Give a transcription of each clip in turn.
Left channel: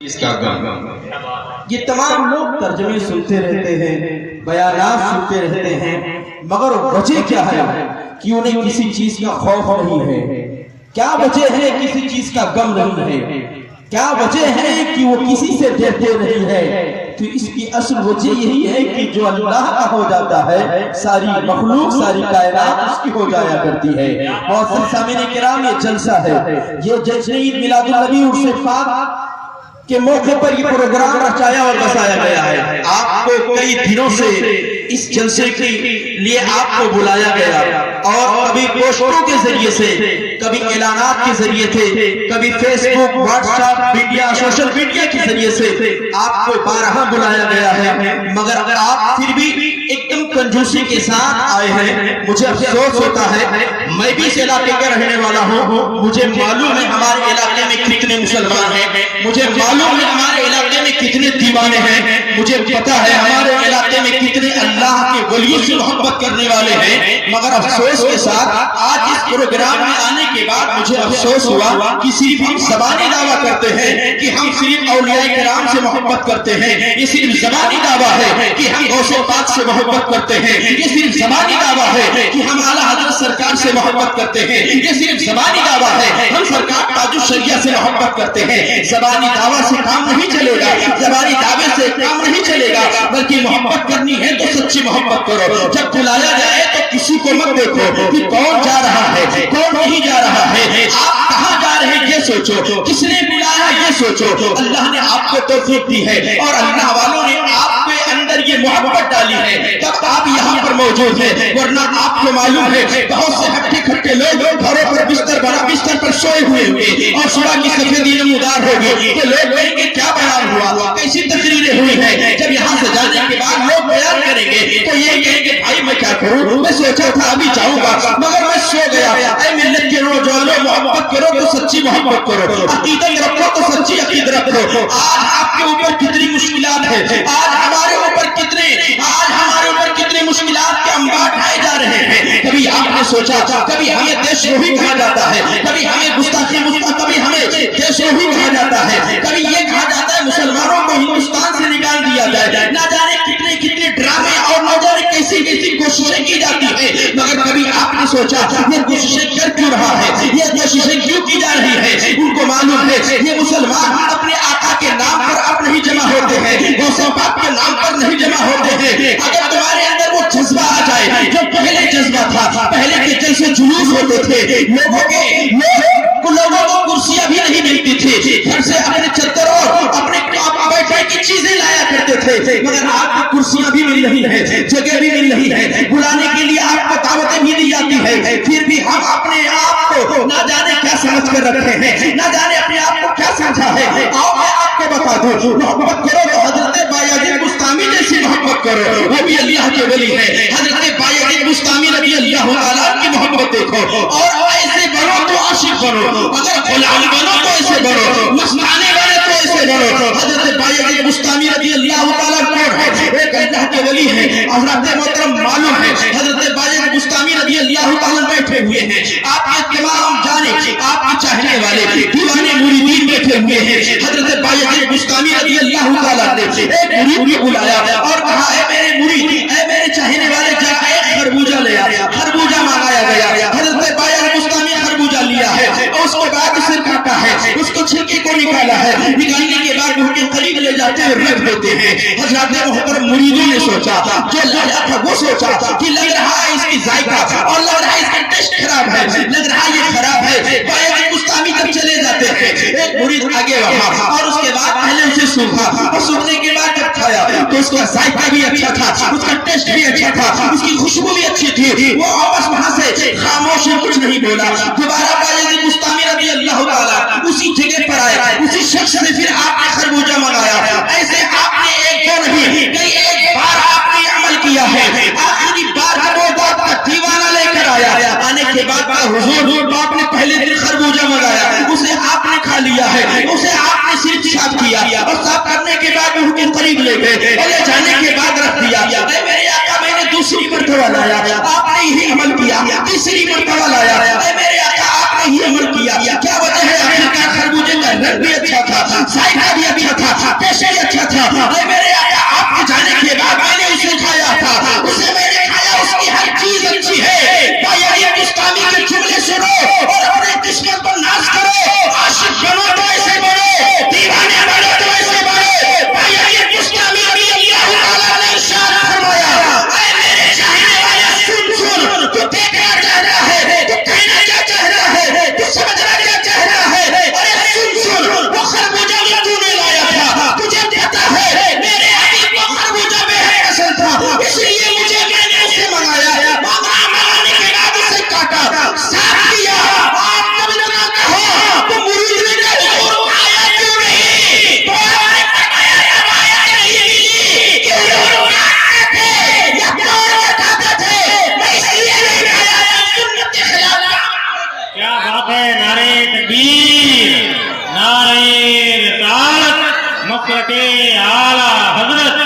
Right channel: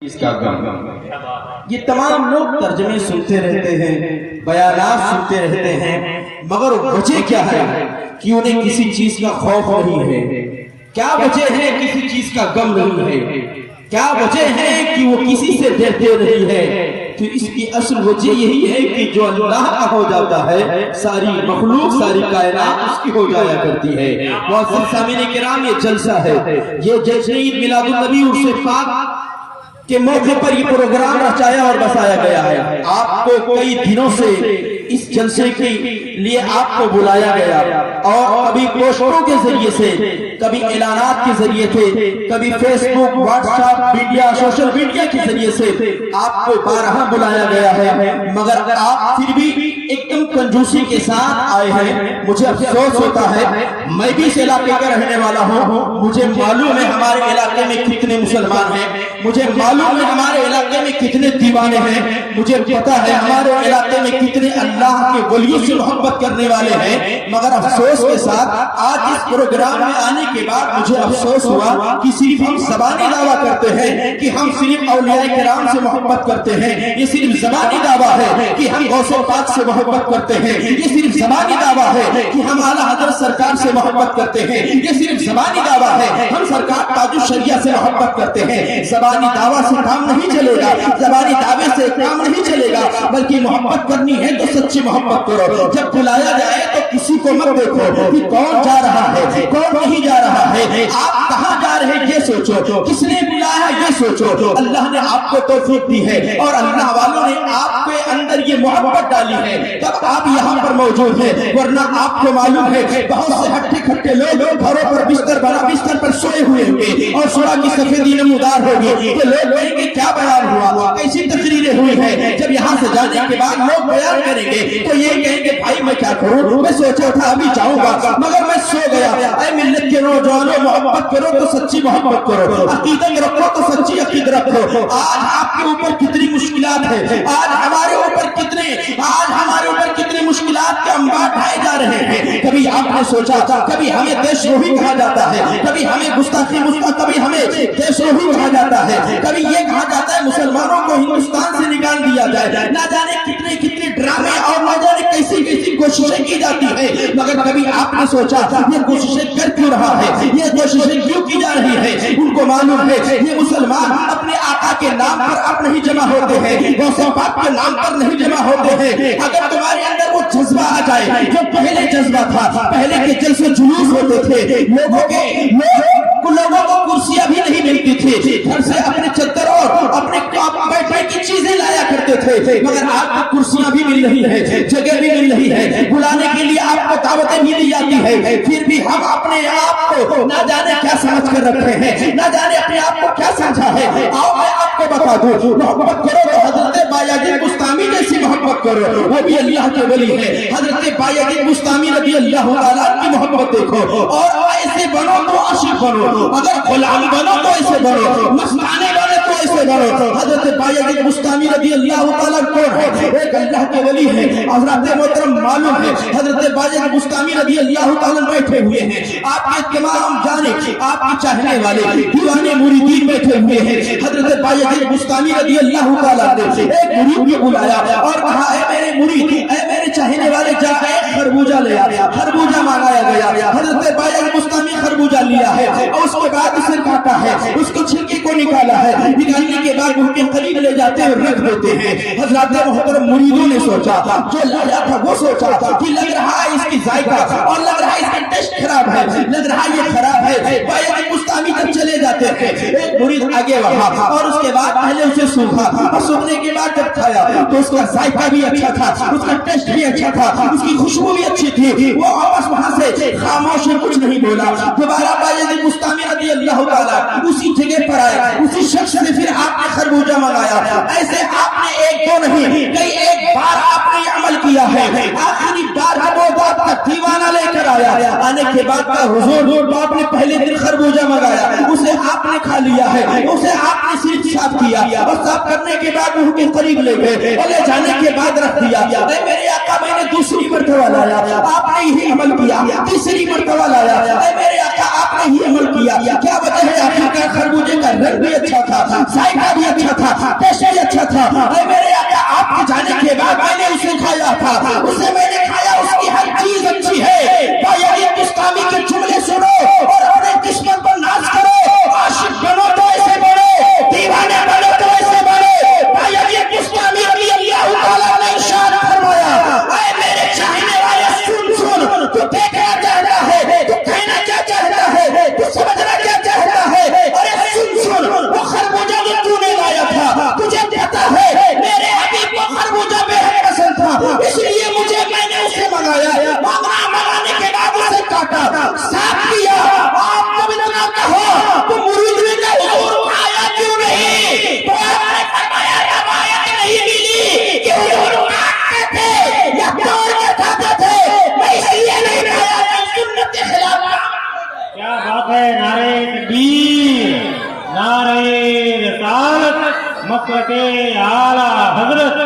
اس کا غم، یہ تمام لوگ ترجمے سنتے رہتے ہیں، بیانات سنتے رہتے ہیں، مگر وجہ کیا ہے کہ انہیں کسی چیز کا خوف نہیں ہے؟ کیا وجہ ہے کسی چیز کا غم نہیں ہے؟ کیا وجہ ہے کہ وہ کسی سے ڈرتے نہیں ہے؟ تو اس کی اصل وجہ یہی ہے کہ جو اللہ کا ہو جاتا ہے ساری مخلوق ساری کائنات اس کی ہو جایا کرتی ہے۔ معزز سامعین کرام، یہ جلسہ ہے، یہ جشن عید میلاد النبی عرس پاک کے موقع پر یہ پروگرام رچایا اور بسایا گیا ہے۔ آپ کو کئی دنوں سے اس جلسے کے لیے آپ کو بلایا گیا، اور کبھی پوسٹروں کے ذریعے سے، کبھی اعلانات کے ذریعے سے، کبھی Facebook, WhatsApp media, social media کے ذریعے سے آپ کو بارہا بلایا گیا ہے، مگر اگر آپ پھر بھی ایک دم کنجوسی کے ساتھ آئے ہیں۔ مجھے افسوس ہوتا ہے، میں بھی اس علاقے کا رہنے والا ہوں، مجھے معلوم ہے ہمارے علاقے میں کتنے مسلمان ہیں، مجھے معلوم ہے ہمارے علاقے میں کتنے دیوانے ہیں، مجھے پتا ہے ہمارے علاقے میں کتنے اللہ کے ولیوں سے محبت کرنے والے ہیں، مگر افسوس کے ساتھ آج اس پروگرام میں آنے کے بعد مجھے افسوس ہوا کہ صرف ہم زبانی دعویٰ کرتے ہیں کہ ہم صرف اولیاء کرام سے محبت کرتے ہیں، یہ صرف زبانی دعویٰ ہے کہ ہم غوث پاک سے محبت کرتے ہیں، یہ صرف زبانی دعویٰ ہے کہ ہم اعلیٰ حضرت سرکار سے محبت کرتے ہیں، یہ صرف زبانی دعویٰ ہے ہم سرکار تاج الشریعہ سے محبت کرتے ہیں۔ زبانی دعویٰ سے کام نہیں چلے گا، زبانی دعوے سے کام نہیں چلے گا، بلکہ محبت کرنی ہے تو سچی محبت کرو۔ جب بلایا جائے تو کسی کو مت دیکھو کہ کون جا رہا ہے کون نہیں جا رہا ہے، آپ کہاں جا رہے ہیں یہ سوچو، کس نے بلایا یہ سوچو۔ اللہ نے آپ کو توفیق دی ہے اور اللہ والوں نے آپ کے اندر یہ محبت ڈالی ہے، تب آپ یہاں پر موجود ہیں، ورنہ آپ کو معلوم ہے بہت سے ہٹے کھٹے لوگ گھروں پر بستر پر سوئے ہوئے ہوئے اور صبح کی سفیدی نمودار ہوگی، تو لوگ کہیں گے کیا بیان ہوا، کیسی تقریریں ہوئی ہیں۔ جب یہاں سے جانے کے بعد لوگ بیان کریں گے تو یہ کہیں گے بھائی میں کیا کروں، میں سوچا تھا ابھی جاؤں گا مگر میں سو گیا۔ اے ملت کے نوجوانوں، محبت کرو تو سچی محبت کرو، عقیدت رکھو تو سچی عقیدت رکھو۔ آج آپ کے اوپر کتنی مشکلات ہیں، آج ہمارے اوپر کتنے مشکلات کے انبار ڈھائے جا رہے ہیں۔ کبھی آپ نے سوچا، کبھی ہمیں دیش روہی کہا جاتا ہے، کبھی ہمیں گستاخی کبھی ہمیں دیش روہی کہا جاتا ہے، کبھی یہ کہا جاتا ہے مسلمانوں کو ہندوستان سے نکال دیا جائے۔ نہ جانے کتنے ڈرامے اور نہ جانے کیسی کوششیں کی جاتی ہیں، مگر کبھی آپ نے سوچا یہ کوششیں کر کیوں رہا ہے، یہ کوششیں کیوں کی جا رہی ہے؟ ان کو معلوم ہے یہ مسلمان اپنے آقا کے نام پر اب نہیں جمع ہوتے ہیں، غوث پاک کے نام پر نہیں جمع ہوتے ہیں۔ اگر تمہارے اندر وہ جذبہ آ جائے جو پہلے جذبہ تھا، پہلے کے جلسے جلوس ہوتے تھے، لوگوں کو کرسیاں بھی نہیں ملتی تھی، گھر سے اپنے چدر اور اپنے بیٹھنے کی چیزیں لایا کرتے تھے، مگر آپ کو کرسیاں بھی مل رہی ہیں، جگہ بھی مل رہی ہے، بلانے کے لیے آپ کو دعوتیں بھی دی جاتی ہے، پھر بھی ہم اپنے آپ کو نہ جانے کیا سمجھ کر رکھے ہیں، نہ جانے اپنے آپ کو کیا سمجھا ہے۔ آؤ میں آپ کو بتا دوں، محبت کرو تو حضرت بایزید بستامی جیسی محبت کرو، وہ بھی اللہ کے ولی ہے۔ حضرت بایزید بستامی رضی اللہ عنہ کی محبت دیکھو، اور ایسے بنو تو عاشق بنو، اگر غلام بنو تو ایسے بنو، مستانے بنو تو ایسے بنو۔ حضرت بایزید بستامی رضی اللہ عنہ کون ہے؟ ایک اللہ کے ولی ہے۔ حضرت محترم معلوم ہے حضرت بایزید بستامی رضی اللہ عنہ بیٹھے ہوئے ہیں، آپ کے تمام جانے آپ کے چاہنے والے دیوانے مریدین بیٹھے ہوئے ہیں۔ حضرت بایزید بستامی رضی اللہ عنہ نے ایک مرید کو بلایا اور کہا اے میرے مرید، اے میرے چاہنے والے، جا ایک خربوزہ لے آیا۔ خربوزہ مانگایا گیا، حضرت بایزید بستامی خربوزہ لیا ہے اور اس کے بعد اسے کاٹا ہے، اس کو چھلکے کو نکالا ہے، نکالنے کے بعد ان کے قریب لے جاتے ہیں، رکھ دیتے ہیں۔ حضرات محترم مریدوں نے سوچا، جو لایا تھا وہ سوچا کہ لگ رہا ہے اس کی ذائقہ اور لگ رہا ہے اس کا ٹیسٹ خراب ہے، لگ رہا ہے یہ خراب ہے۔ بایزید بستامی جب چلے جاتے ہیں، ایک مرید آگے رہا اور اس کے بعد پہلے اسے سوکھا اور سوکھنے کے بعد جب کھایا تو اس کا ذائقہ بھی اچھا تھا، اس کا ٹیسٹ بھی اچھا تھا، اس کی خوشبو بھی اچھی تھی۔ وہ واپس وہاں سے خاموش کچھ نہیں بولا۔ دوبارہ بایزید بستامی رضی اللہ تعالیٰ اسی جگہ پر آئے، اسی شخص سے پھر آپ نے خربوزہ منگایا۔ ایسے آپ نے ایک دو نہیں کئی ایک بار آپ نے عمل کیا ہے۔ آخری بار وہ آپ کا دیوانہ لے کر آیا، آنے کے بعد حضور آپ نے پہلے دن خربوزہ منگایا، اسے آپ نے کھا لیا ہے، اسے آپ نے صرف صاف کیا اور صاف کرنے کے بعد ان کے قریب لے گئے اور لے جانے کے بعد رکھ دیا۔ اے میرے آقا، میں نے دوسری مرتبہ لایا، آپ نے یہی عمل کیا، تیسری مرتبہ لایا، اے میرے آقا آپ نے ہی عمل کیا۔ کیا وجہ ہے؟ آخر کا خربوزے کا رنگ بھی اچھا تھا، ذائقہ بھی اچھا مکرکے اعلیٰ حضرت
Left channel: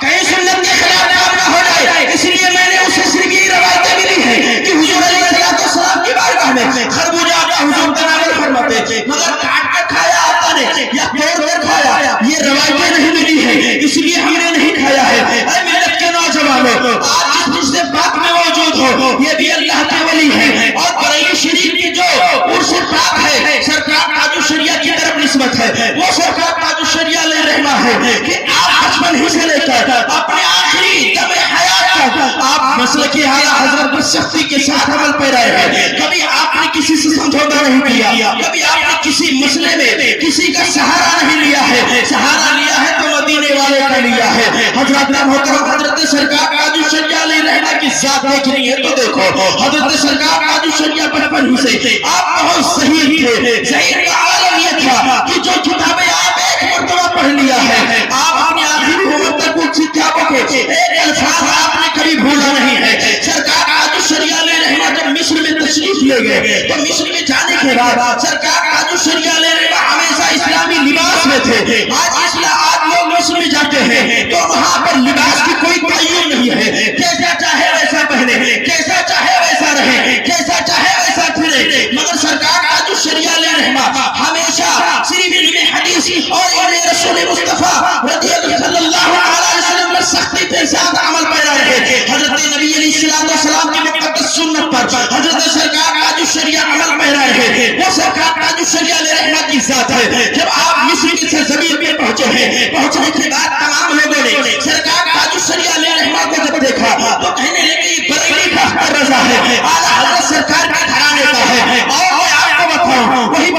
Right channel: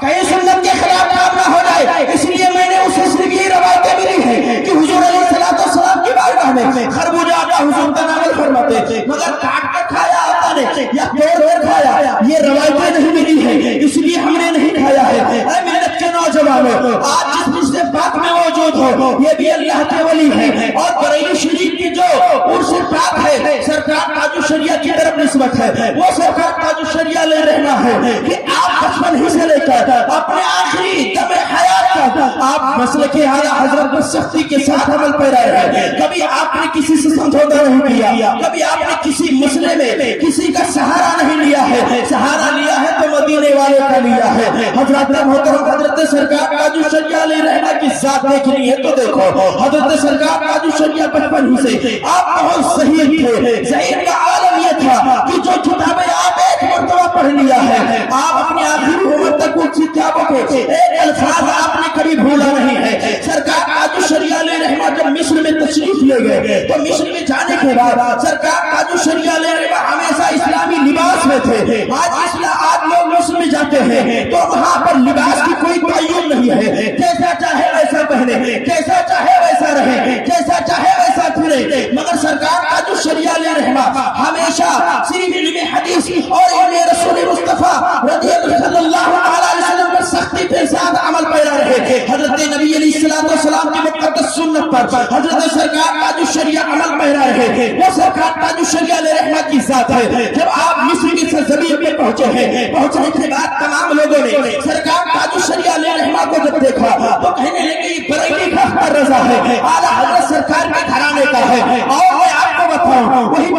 کہیں سنت کے خلاف کام نہ ہو جائے، اس لیے میں نے اس حصے کی روایتیں ملی ہیں کہ حضور علیہ السلام کی بارگاہ میں خربوزہ آقا حضور تناول فرماتے مگر کاٹ کر کھایا آقا نے یا توڑ کر کھایا، یہ روایتیں نہیں ملی ہیں، اس لیے ہم نے نہیں کھایا ہے۔ اے ملت کے نوجوانوں، آپ جس حصے پاک میں موجود ہو یہ بھی اللہ کے ولی ہیں، اور بریلی شریف کی جو عرص پاک ہے سرکار تاج الشریعہ کی طرف نسبت ہے، وہ سرکار تاج الشریعہ علیہ رحمہ ہے کہ آپ بچپن ہی سے لے کر اپنے آخری دم حیات تک آپ مسلک اعلیٰ حضرت پر سختی کے ساتھ عمل پیرا ہے۔ کبھی آپ نے کسی سے سمجھوتا نہیں کیا، کبھی آپ نے کسی مسئلے میں کسی کا سہارا نہیں لیا ہے، سہارا لیا ہے تو مدینے والے کا لیا ہے۔ حضرت محترم حضرت سرکار تاج الشریعہ علیہ رحمہ کی ذات دیکھنی ہے تو دیکھو، حضرت سرکار تاج الشریعہ بچپن ہی سے آپ بہت صحیح تھے۔ صحیح کا عالم یہ تھا کہ جو کتابیں آپ ایک مرتبہ پڑھ لیا ہے، آپ اپنی آخری عمر تک وہ کتابوں کے ایک الفاظ آپ نے کبھی بھولا نہیں ہے۔ سرکار تاج الشریعہ علیہ رحمہ جب مصر میں تشریف لے گئے تو مصر میں جانے کے بعد سرکار تاج الشریعہ علیہ رحمہ ہمیشہ اسلامی لباس میں تھے۔ آج لوگ مصر میں جاتے ہیں تو وہاں پر لباس کی کوئی تعین نہیں ہے، جیسا چاہے ویسا پہنے، جیسا چاہے ویسا رہے، جیسا چاہے ویسا پھرے، مگر سرکار تاج الشریعہ علیہ رحمہ ہمیشہ صرف علم حدیث اور علم رسول مصطفیٰ رضی اللہ علیہ وسلم پر سختی کے ساتھ عمل پیرا رہے۔ حضرت نبی علیہ السلام کی مقدس سنت پر حضرت سرکار تاج الشریعہ عمل پیرا رہے۔ وہ سرکار تاج الشریعہ علیہ رحمہ کی ذات ہے۔ جب آپ مصر کی سرزمین میں پہنچے ہیں، پہنچنے کے بعد تمام لوگوں نے سرکار تاج الشریعہ علیہ رحمہ کو جب دیکھا تو کہنے لگے یہ بریلی کا اختر رضا ہے، اعلیٰ حضرت سرکار کے گھرانے کا ہے۔ اور میں آپ کو بتاؤں وہی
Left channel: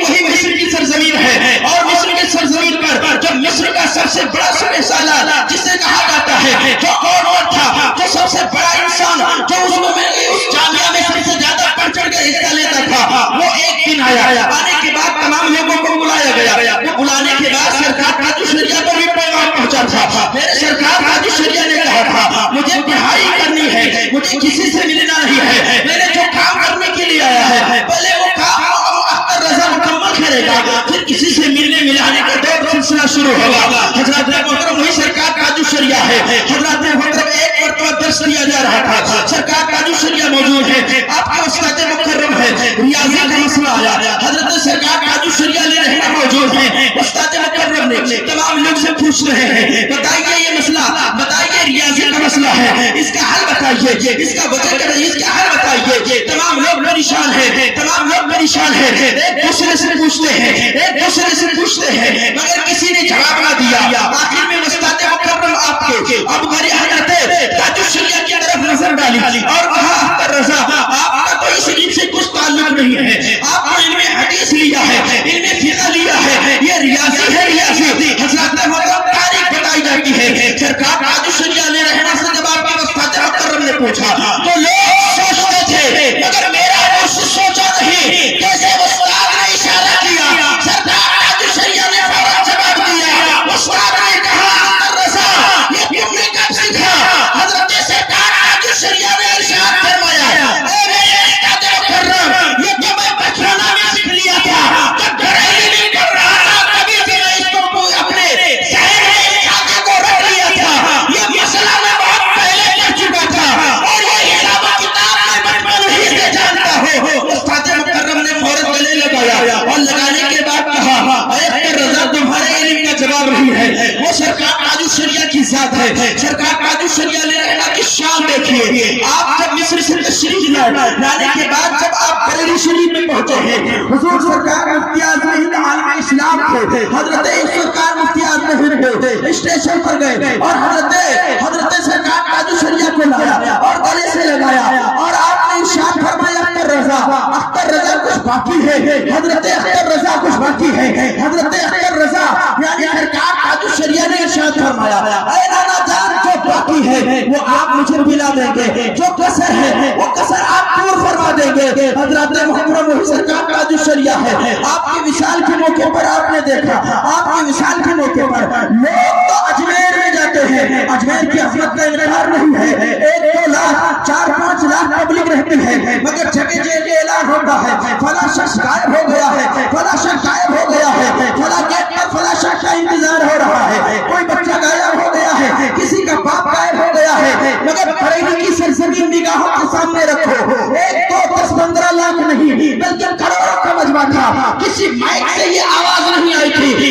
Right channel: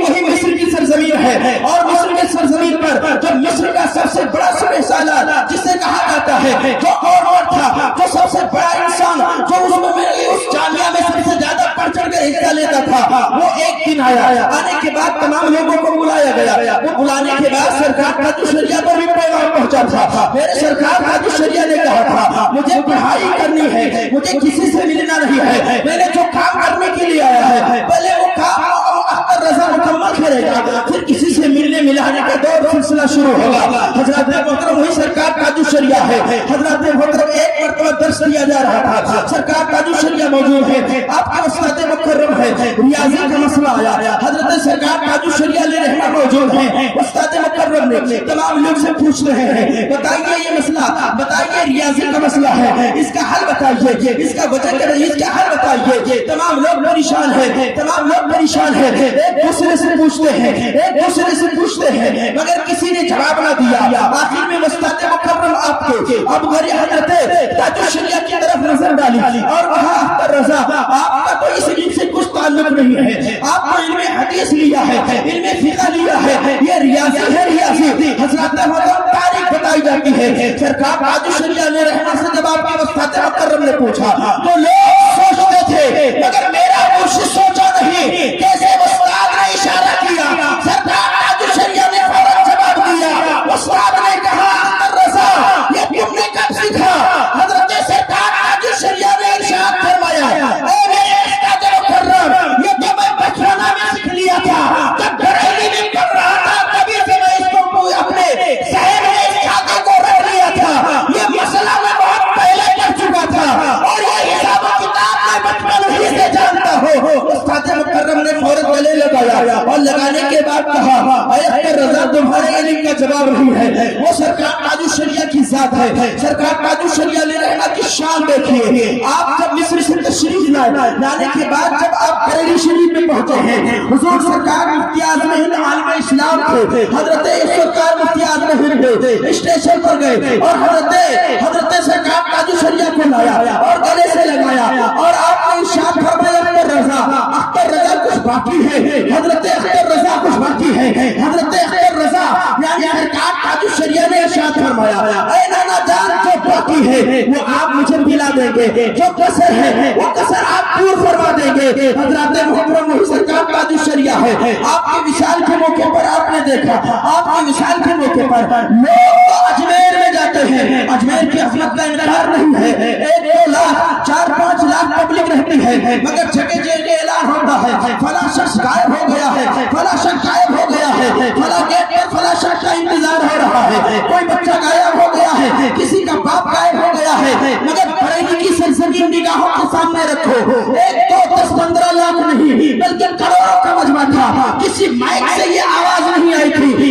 مصر کی سرزمین ہے، اور مصر کی سرزمین پر جو مصر کا سب سے بڑا سپہ سالار جسے کہا جاتا ہے، جو اور تھا، جو سب سے بڑا انسان جو اس جامعہ میں سب سے زیادہ بڑھ چڑھ کر حصہ لیتا تھا، وہ ایک دن آیا۔ آنے کے بعد تمام لوگوں کو بلایا گیا۔ وہ بلانے کے بعد سرکار تاج الشریعہ کو بھی پیغام پہنچا تھا۔ میرے سرکار تاج الشریعہ نے کہا تھا مجھے پڑھائی کرنی ہے، مجھے کسی سے ملنا نہیں ہے، میں نے جو کام کرنے کے لیے آیا ہے پہلے وہ کام رضا مکمل کرے گا، پھر کسی سے ملنے ملانے کا دور سلسلہ شروع ہوگا۔ حضرت محترم وہی سرکار تاج الشریعہ ہے۔ حضرت محترم ایک مرتبہ درس دیا جا رہا تھا، سرکار تاج الشریعہ موجود ہے، آپ کا استاد مکرم ہے، ریاضی کا مسئلہ آیا، حضرت سرکار تاج الشریعہ علیہ رحمہ موجود ہے۔ استاد مکرم نے تمام لوگ سے پوچھ رہے ہیں بتائیے یہ مسئلہ، بتائیے ریاضی کا مسئلہ ہے، اس کا حل بتائیے، اس کا وجہ کیا ہے، اس کا حل بتائیے۔ تمام لوگ پریشان ہیں، تمام لوگ پریشان ہیں، ایک دوسرے سے پوچھتے ہیں، ایک دوسرے سے پوچھتے ہیں، مگر کسی نے جواب نہ دیا۔ آخر میں استاد مکرم آپ کے اب گھر حضرت تاج الشریعہ کی طرف نظر ڈالی اور کہا اختر رضا آپ کا تو اس علم سے کچھ تعلق نہیں ہے، آپ کو علم حدیث لیا ہے، علم فقہ لیا ہے، یہ ریاضی ہے ریاضی۔ حضرت محترم تاریخ بتائی جاتی ہے، سرکار تاج الشریعہ علیہ رحمہ سے جب آپ کے استاد مکرم نے پوچھا تو لوگ سوچتے تھے مگر میرا مرشد سوچا نہیں، کیسے استاد نے اشارہ کیا، سرکار تاج الشریعہ نے فوراً جواب دیا۔ استاد نے کہا اختر رضا یہ تم نے کب سیکھا؟ حضرت سرکار تاج الشریعہ نے ارشاد فرمایا اے میرے استاد مکرم یہ تو میں بچپنا میں سیکھ لیا تھا، جب بریلی میں کر رہا تھا تبھی سے میں اس کو اپنے ذہن میں اس عقیدے کو رکھ لیا تھا، یہ مسئلہ میں بہت پہلے پڑھ چکا تھا اور یہ حساب و کتاب میں بچپن ہی سے جانتا ہوں۔ استاد مکرم نے فوراً گلے لگایا اور لگانے کے بعد کہا اے اختر رضا تمہارے علم کا جواب نہیں ہے، وہ سرکار تاج الشریعہ کی ذات ہے۔ سرکار تاج الشریعہ علیہ رحمہ کی شان دیکھیے، آپ جب مصر سے تشریف لانے کے بعد جب آپ بریلی شریف میں پہنچے ہیں، حضور سرکار مفتی اعظم ہند عالم اسلام تھے، حضرت سرکار مفتی اعظم ہند اسٹیشن پر گئے اور حضرت سرکار تاج الشریعہ کو لایا اور گلے سے لگایا اور آپ نے ارشاد فرمایا اختر رضا کچھ باقی ہے، حضرت اختر رضا کچھ باقی ہے، حضرت اختر رضا یعنی سرکار تاج الشریعہ نے ارشاد فرمایا اے نانا جان جو باقی ہے وہ آپ مجھے ملا دیں گے، جو کسر ہے وہ کسر آپ پور فرما دیں گے۔ حضرت محترم وہی سرکار تاج الشریعہ ہے۔ آپ کی مثال کے موقع پر آپ نے دیکھا، آپ کی مثال کے موقع پر لوگ تو اجمیر میں جاتے ہیں، اجمیر کی عظمت کا انکار نہیں ہے، 1-2 لاکھ 4-5 لاکھ پبلک رہتی ہے، مگر جگہ جگہ اعلان ہوتا ہے فلاں شخص غائب ہو گیا ہے، فلاں شخص غائب ہو گیا ہے، فلاں گیٹ پر فلاں شخص